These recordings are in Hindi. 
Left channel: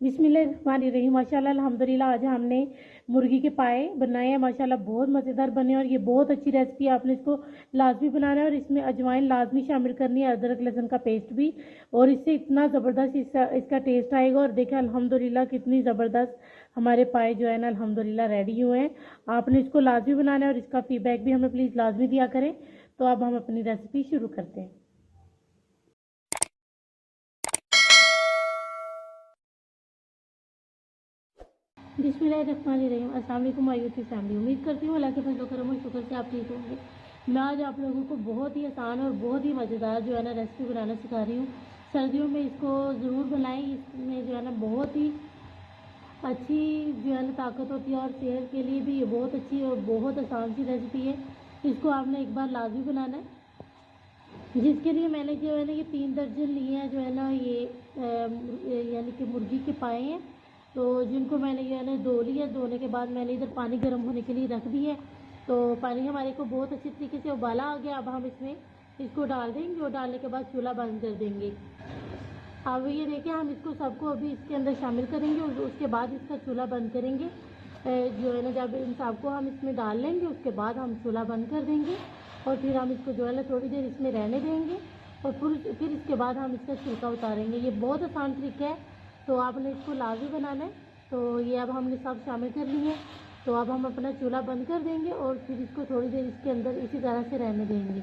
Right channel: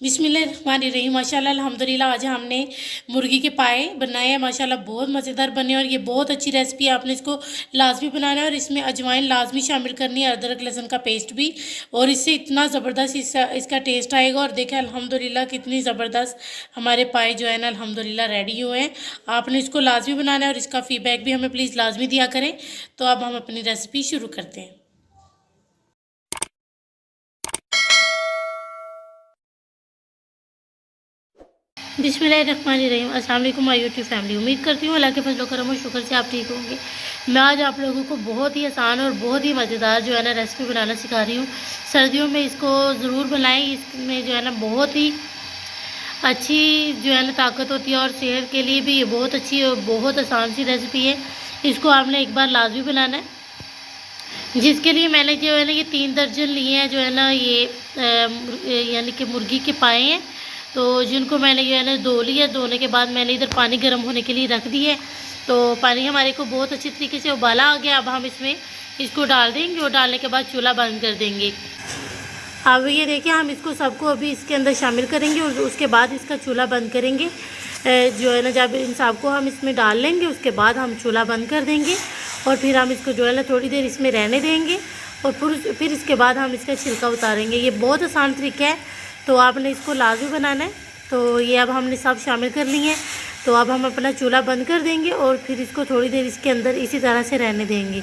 बिस्मिल्लाहिर्रहमानिर्रहीम। माशाल्लाह अल्हम्दुलिल्लाह। आज हमने मुर्गी के पाए बनाए हैं। माशाल्लाह बहुत मज़ेदार बने और ये बहुत अच्छी रेसिपी है। आपने इसको लाजमी बनाना है और इसमें अजवाइन लाजमी शामिल करनी है, अदरक लहसुन का पेस्ट भी। और इससे इतना ज़बरदस्त इसका टेस्ट आएगा। और देखें अल्हम्दुलिल्लाह कितनी ज़बरदस्त हमारे पाए जो है ना अल्हम्दुलिल्लाह रेडी हुए हैं। आपने इसको लाजमी बनाना है और इसका फ़ीडबैक भी हमें प्लीज़ लाजमी दिया करें। तो अब हम अपनी रेसिपी शुरू करते हैं। बिस्मिल्लाहिर्रहमानिर्रहीम। अस्सलाम वालेकुम माय यूट्यूब फैमिली। उम्मीद करती हूँ अल्लाह के फजल करम और शुक्र से आप ठीक होंगे। मैं आज आप लोगों को बहुत ही आसान और बहुत ही मज़ेदार जो है ना रेसिपी बनाना सिखा रही हूँ। सर्दियों में इसको ज़रूर बनाएं। इसमें जो है ना बहुत ही अच्छी जो है ना ताकत होती है और सेहत के लिए भी ये बहुत अच्छी और बहुत आसान सी रेसिपी है। इसको आपने एक बार लाजमी बनाना है, जिसके लिए मैंने जो है ना ये 3 दर्जन लिए हैं जो है ना ये यानी कि मुर्गी के पाए हैं। तो जिनको मैंने जो है ना धो लिया। धोने के बाद मैंने इधर पानी गर्म होने के लिए रख दिया है। तो पानी हमारे को बहुत अच्छी तरीके से उबाला आ गया। अब हम इसमें इसको डाल देंगे और डालने के बाद चूल्हा बंद कर देंगे। अब ये देखिए हम इसको सबको अभी इसके अंदर शामिल करेंगे और उसके बाद इसका चूल्हा बंद करेंगे। जो है ना जब इन सबको हम इसमें डाल लेंगे उसके बाद हम चूल्हा बंद कर देंगे और फिर हम इसको जो है ना थोड़ी देर इसमें रहने देंगे और फिर इसके बाद हम इसका छिलका उतारेंगे। ये बहुत आसान तरीका है, तो आपने इसको लाजमी बनाना है। तो ये अब हमने सब शामिल कर लिए हैं। तो अब हम अपना चूल्हा बंद कर देंगे और फिर इसको थोड़ी देर इसके अंदर इसी तरह से रहने देंगे।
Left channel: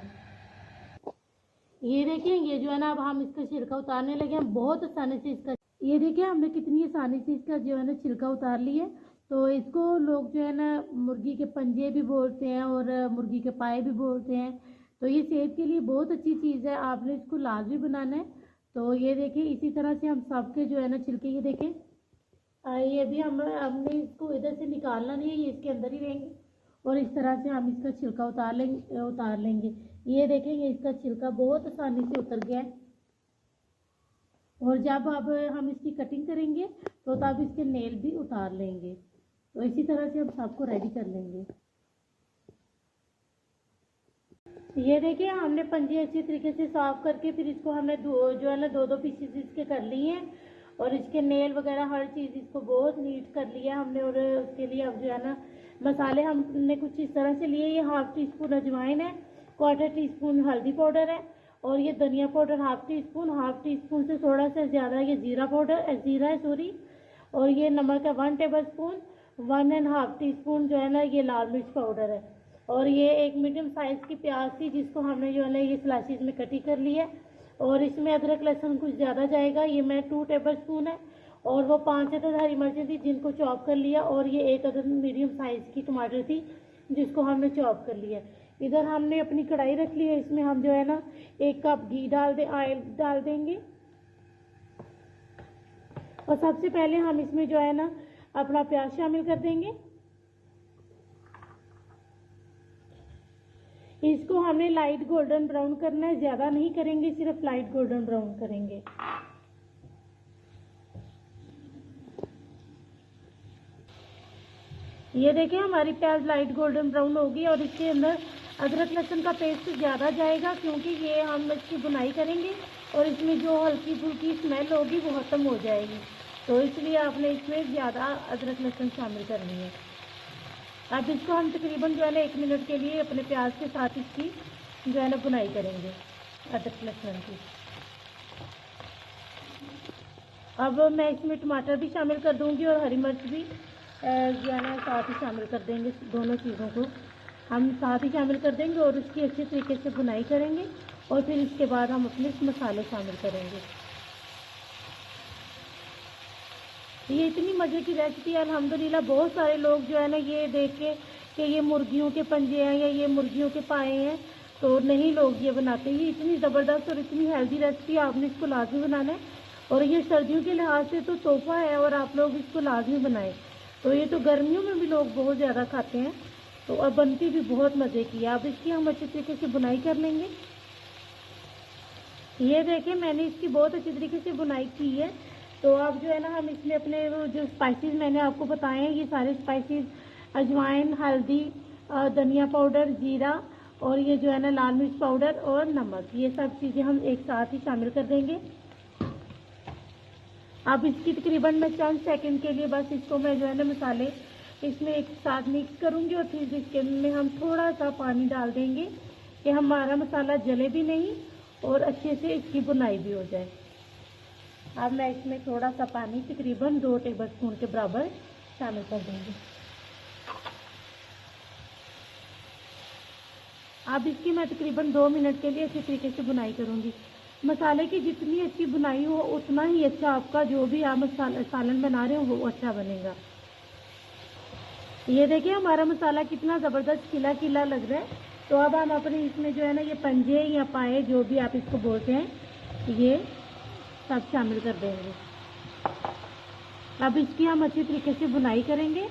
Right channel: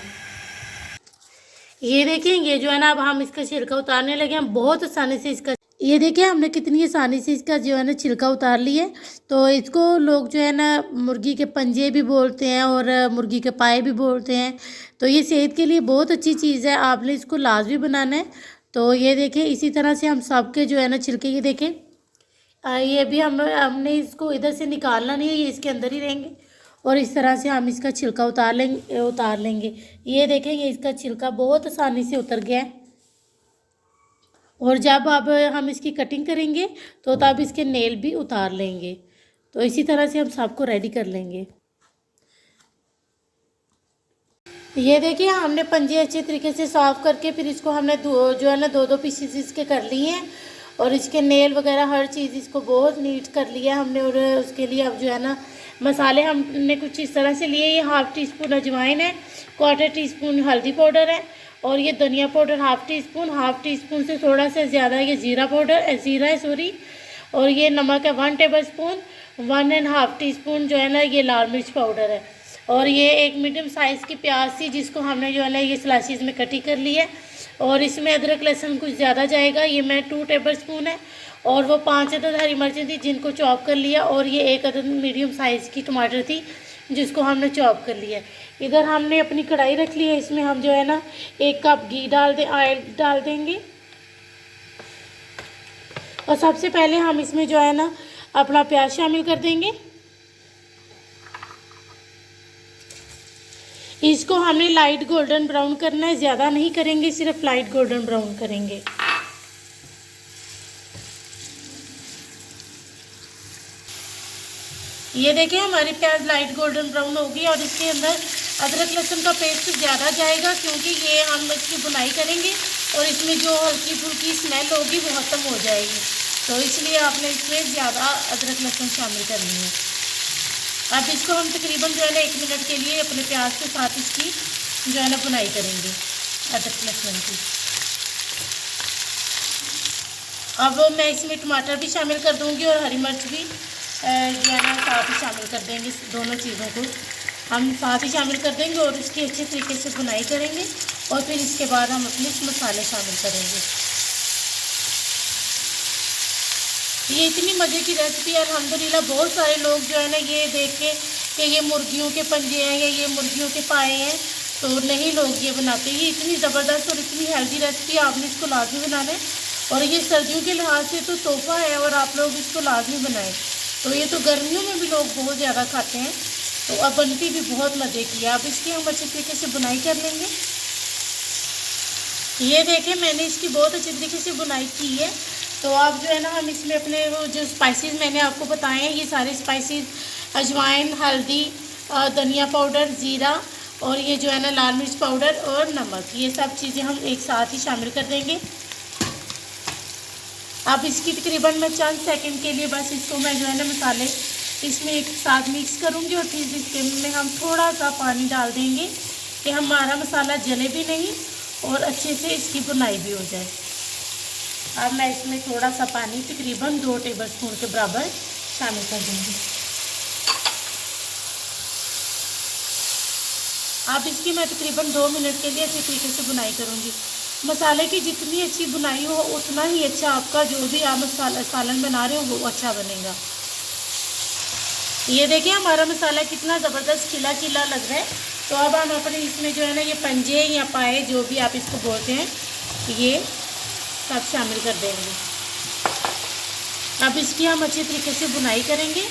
ये देखिए ये जो है ना अब हम इसका छिलका उतारने लगे। हम बहुत आसानी से इसका ये देखिए हमने कितनी आसानी से इसका जो है ना छिलका उतार लिया है। तो इसको लोग जो है ना मुर्गी के पंजे भी बोलते हैं और मुर्गी के पाए भी बोलते हैं। तो ये सेहत के लिए बहुत अच्छी चीज़ है, आपने इसको लाजमी बनाना है। तो ये देखिए इसी तरह से हम सबके जो है ना छिलके ये देखें ये भी हमने इसको इधर से निकालना नहीं है, ये इसके अंदर ही रहेंगे और इस तरह से हम इसका छिलका उतार लेंगे। ये देखें ये इसका छिलका बहुत आसानी से उतर गया है। और जब अब हम इसकी कटिंग करेंगे तो तब इसके नेल भी उतार लेंगे। तो इसी तरह से हम सबको रेडी कर लेंगे। ये देखिए हमने पंजे अच्छे तरीके से साफ़ करके फिर इसको हमने जो है ना दो पीसेस इसके कर लिए हैं और इसके नेल वगैरह हर चीज़ इसको बहुत नीट कर लिया हमने। और उसके लिए अब जो है ना मसाले हमने कुछ इस तरह से लिए। ये 1/2 टीस्पून अजवाइन है, 1/4 टीस्पून हल्दी पाउडर है और ये धनिया पाउडर 1/2 टीस्पून से थोड़ा सा ज़्यादा ये ज़ीरा है सॉरी। और ये नमक है 1 टेबल स्पून, 1.5 टीस्पून जो है ना ये लाल मिर्च पाउडर है। और ये एक मीडियम साइज़ की प्याज थी जिसको हमने जो है ना ये स्लाइसिस में कटी कर लिया है। और इसमें अदरक लहसुन कुछ ज़्यादा जाएगा, ये मैं 2 टेबल स्पून है। और वो 5 अदद हरी मिर्चें थी जिनको चॉप कर लिया। और ये 1 अदद मीडियम साइज़ की टमाटर थी जिसको हमने चॉप कर लिया। इधर हमने अपनी कढ़ाई रख ली है, इसमें हम जो है ना 1 कप घी ऑयल डाल देंगे। और सबसे पहले हम इसमें जो है ना अपना प्याज शामिल कर देंगे। इसको हमने लाइट गोल्डन ब्राउन करना है, ज़्यादा नहीं करेंगे, सिर्फ लाइट गोल्डन ब्राउन करेंगे। ये देखिए हमारी प्याज लाइट गोल्डन ब्राउन होगी और इसके अंदर अदरक लहसुन का पेस्ट ज़्यादा जाएगा क्योंकि ये हम इसकी बुनाई करेंगे और इसमें जो हल्की फुल्की स्मेल होगी वो ख़त्म हो जाएगी। तो इसलिए आपने इसमें ज़्यादा अदरक लहसुन शामिल करनी है। अब इसको हम तकरीबन जो है ना 1 मिनट के लिए अपने प्याज के साथ इसकी जो है ना बुनाई करेंगे अदरक लहसुन की। अब मैं इसमें टमाटर भी शामिल कर दूंगी और हरी मिर्च भी जो है ना साथ ही शामिल कर देंगे। दोनों चीज़ों को हम साथ ही शामिल कर देंगे और इसकी अच्छे तरीके से बुनाई करेंगे और फिर इसके बाद हम अपने मसाले शामिल करेंगे। ये इतनी मज़े की रेसिपी है अल्हम्दुलिल्लाह। बहुत सारे लोग जो है ना ये देख के कि ये मुर्गियों के पंजे हैं या ये मुर्गियों के पाए हैं तो नहीं लोग ये बनाते। ये इतनी ज़बरदस्त और इतनी हेल्दी रेसिपी, आपने इसको लाजमी बनाना है। और ये सर्दियों के लिहाज से तो तोहफ़ा है और आप लोग इसको लाजमी बनाएं। तो ये तो गर्मियों में भी लोग बहुत ज़्यादा खाते हैं। तो अब बनती भी बहुत मज़े की है। अब इसकी हम अच्छे तरीके से बुनाई कर लेंगे। ये देखें मैंने इसकी बहुत अच्छे तरीके से बुनाई की है। तो अब जो है ना हम इसमें अपने वो जो स्पाइसेस मैंने आपको बताए हैं ये सारे स्पाइसेस अजवाइन, हल्दी, धनिया पाउडर, ज़ीरा और ये जो है ना लाल मिर्च पाउडर और नमक, ये सब चीज़ें हम एक साथ ही शामिल कर देंगे। अब इसकी तकरीबन मैं चंद सेकंड के लिए बस इसको मैं जो है ना मसाले इसमें एक साथ मिक्स करूँगी और फिर इसके में हम थोड़ा सा पानी डाल देंगे कि हमारा मसाला जले भी नहीं और अच्छे से इसकी बुनाई भी हो जाए। अब मैं इसमें थोड़ा सा पानी तकरीबन 2 टेबलस्पून के बराबर शामिल कर दूँगी। अब इसकी मैं तकरीबन 2 मिनट के लिए अच्छी तरीके से बुनाई करूँगी। मसाले की जितनी अच्छी बुनाई हो उतना ही अच्छा आपका जो भी आप सालन बना रहे हो वो अच्छा बनेगा। ये देखिए हमारा मसाला कितना ज़बरदस्त खिला खिला लग रहा है। तो अब हम अपने इसमें जो है ना ये पंजे या पाए जो भी आप इसको बोलते हैं ये सब शामिल कर देंगे। अब इसकी हम अच्छी तरीके से बुनाई करेंगे।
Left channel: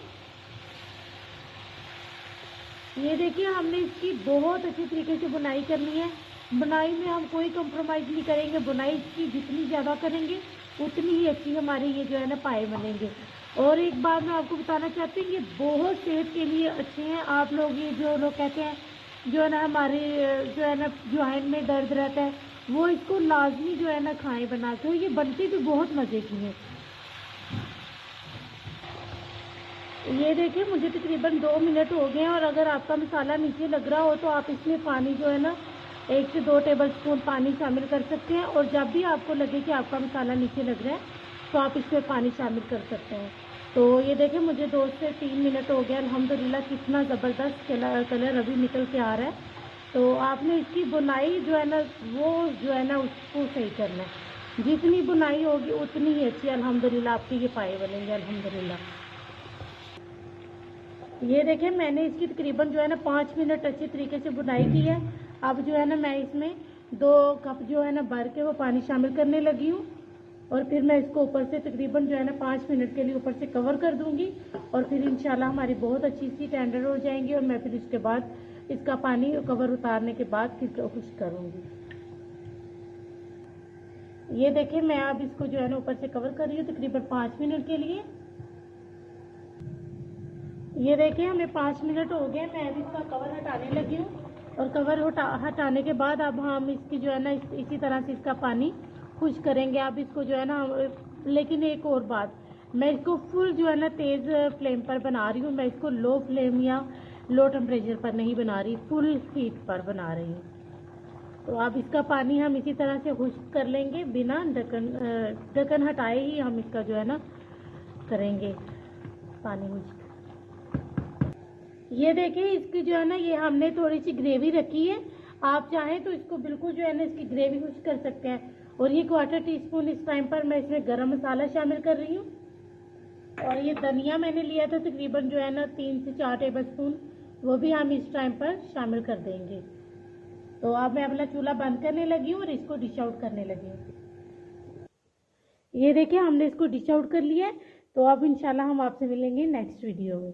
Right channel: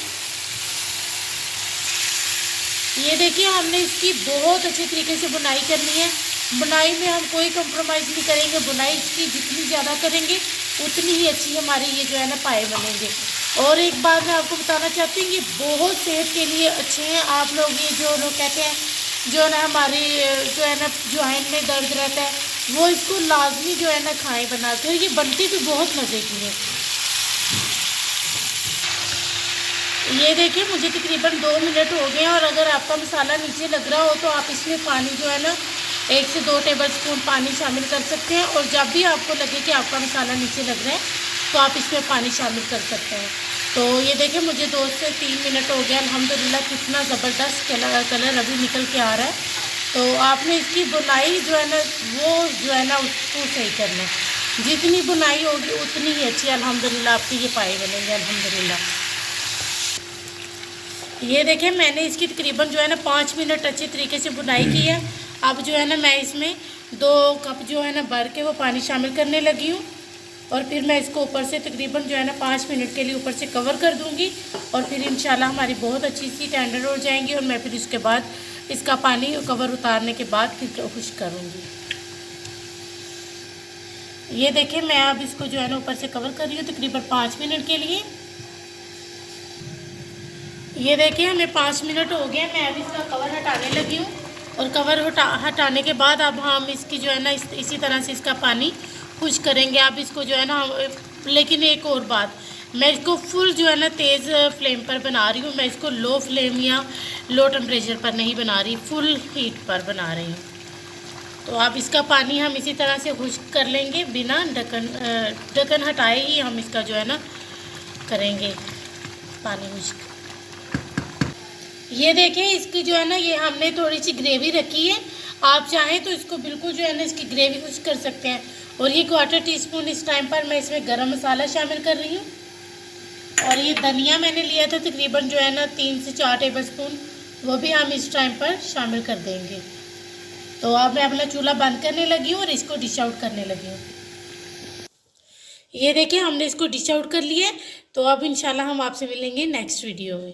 ये देखिए हमने इसकी बहुत अच्छी तरीके से बुनाई करनी है। बुनाई में हम कोई कंप्रोमाइज़ नहीं करेंगे। बुनाई इसकी जितनी ज़्यादा करेंगे उतनी ही अच्छी हमारी ये जो है ना पाए बनेंगे। और एक बात मैं आपको बताना चाहती हूँ, ये बहुत सेहत के लिए अच्छे हैं। आप लोग ये जो लोग कहते हैं जो ना हमारी जो है ना जॉइंट में दर्द रहता है वो इसको लाजमी जो है ना खाएँ बना कर। ये बनती भी बहुत मज़े की है। ये देखिए मुझे तकरीबन 2 मिनट हो गए हैं और अगर आपका मसाला नीचे लग रहा हो तो आप इसमें पानी जो है ना 1 से 2 टेबलस्पून पानी शामिल कर सकते हैं। और जब भी आपको लगे कि आपका मसाला नीचे लग रहा है तो आप इसमें पानी शामिल कर सकते हैं। तो ये देखिए मुझे 2 से 3 मिनट हो गया। अल्हम्दुलिल्लाह कितना ज़बरदस्त कलर अभी निकल के आ रहा है। तो आपने इसकी बुनाई जो है ना वो जो है ना उसको सही करना है। जितनी बुनाई होगी उतनी ही अच्छी अल्हम्दुलिल्लाह आपके ये पाए बनेंगे अल्हम्दुलिल्लाह। ये देखिए मैंने इसकी तकरीबन जो है ना 5 मिनट अच्छी तरीके से बुनाई की है। अब जो है ना मैं इसमें 2 कप जो है ना भर के वो पानी शामिल करने लगी हूँ और फिर मैं इसको ऊपर से तकरीबन जो है ना 5 मिनट के लिए ऊपर से कवर कर दूँगी और फिर इंशाल्लाह हमारी बहुत अच्छी सी टेंडर हो जाएंगी। और मैं फिर इसके बाद इसका पानी कवर उतारने के बाद फिर खुश्क करूँगी। ये देखिए मैं अब इसको जो है ना ऊपर से कवर कर रही हूँ तकरीबन 5 मिनट के लिए। ये देखिए हमें 5 मिनट हो गए। मैं अब इसका कवर हटाने लगी हूँ और कवर हटाने के बाद अब हम इसकी जो है ना इसी तरह से इसका पानी खुश्क करेंगे। अब इसको जो है ना लेकिन एक और बात, मैं इसको फुल जो है ना तेज़ फ्लेम पर बना रही हूँ। मैं इसको लो फ्लेम या लो टेम्परेचर पर नहीं बना रही, फुल हीट पर बना रही हूँ। तो अब इसका पानी हम इसी तरह से खुश्क कर लेंगे बिना ढक्कन हटाए ही हम इसका जो है ना करेंगे पानी खुश्क। ये देखिए इसकी जो है ना ये हमने थोड़ी सी ग्रेवी रखी है। आप चाहें तो इसको बिल्कुल जो है ना इसकी ग्रेवी कुछ कर सकते हैं। और ये 1/4 टीस्पून इस टाइम पर मैं इसमें गरम मसाला शामिल कर रही हूँ। और ये धनिया मैंने लिया था तकरीबन जो है ना 3 से 4 टेबलस्पून, वो भी हम इस टाइम पर शामिल कर देंगे। तो अब मैं अपना चूल्हा बंद करने लगी हूँ और इसको डिश आउट करने लगी हूँ। ये देखिए हमने इसको डिश आउट कर लिया है। तो अब इंशाल्लाह हम आपसे मिलेंगे नेक्स्ट वीडियो में।